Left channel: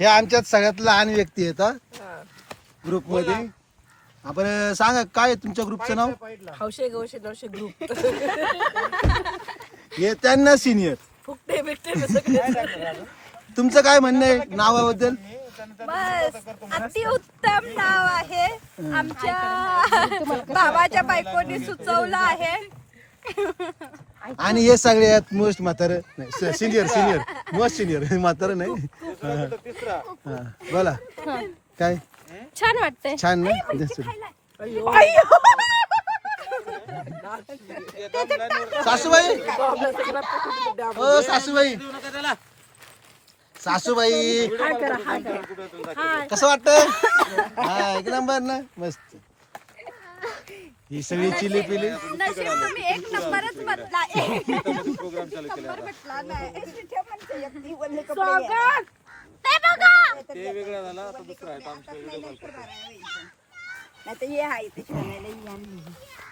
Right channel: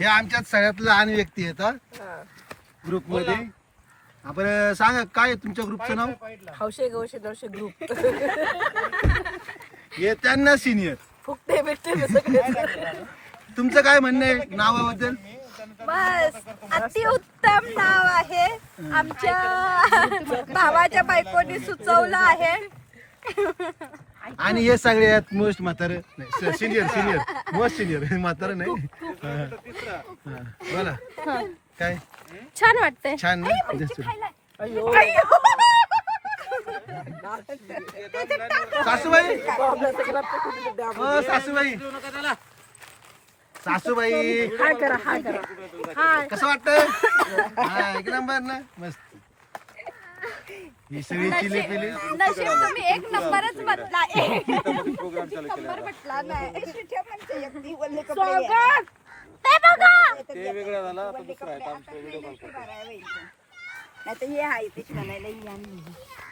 हे आमच्यात सगळ्यात लहान व्यक्ती आहेत ग्रुप मध्ये. आपण सांगा काय आहे तुमच्या ग्रुपचं नाव? हौशे गौशे दौशे ग्रुप. हे त्यांना सिनियर. फुकटे बिकटे तुमचं काय म्हणणं आहे नावाबद्दल? बस अतिउत्तम नाव आहे. आमच्या भावाच्या बायकोनी सुचवलं आहे. आणि हे सगळ्यात मोस्ट म्हातारं नाही, सिनियर मोस्ट सिनियर म्हातारं नाही. हा, बोला काय छान वाटतंय. छान ना? सासूबाई हो सासूबाई सासूबाई हाय करा. कसं वाटतं? हा एक नंबर ना मस्त. ही सगळी चिली पिली तुम्ही एक नंबरच म्हटला. प्रोग्राम चालू केला ते बघा. ते वेगळा झाला आता दुसरा आहे. नाही तर हे आहे ते छानायला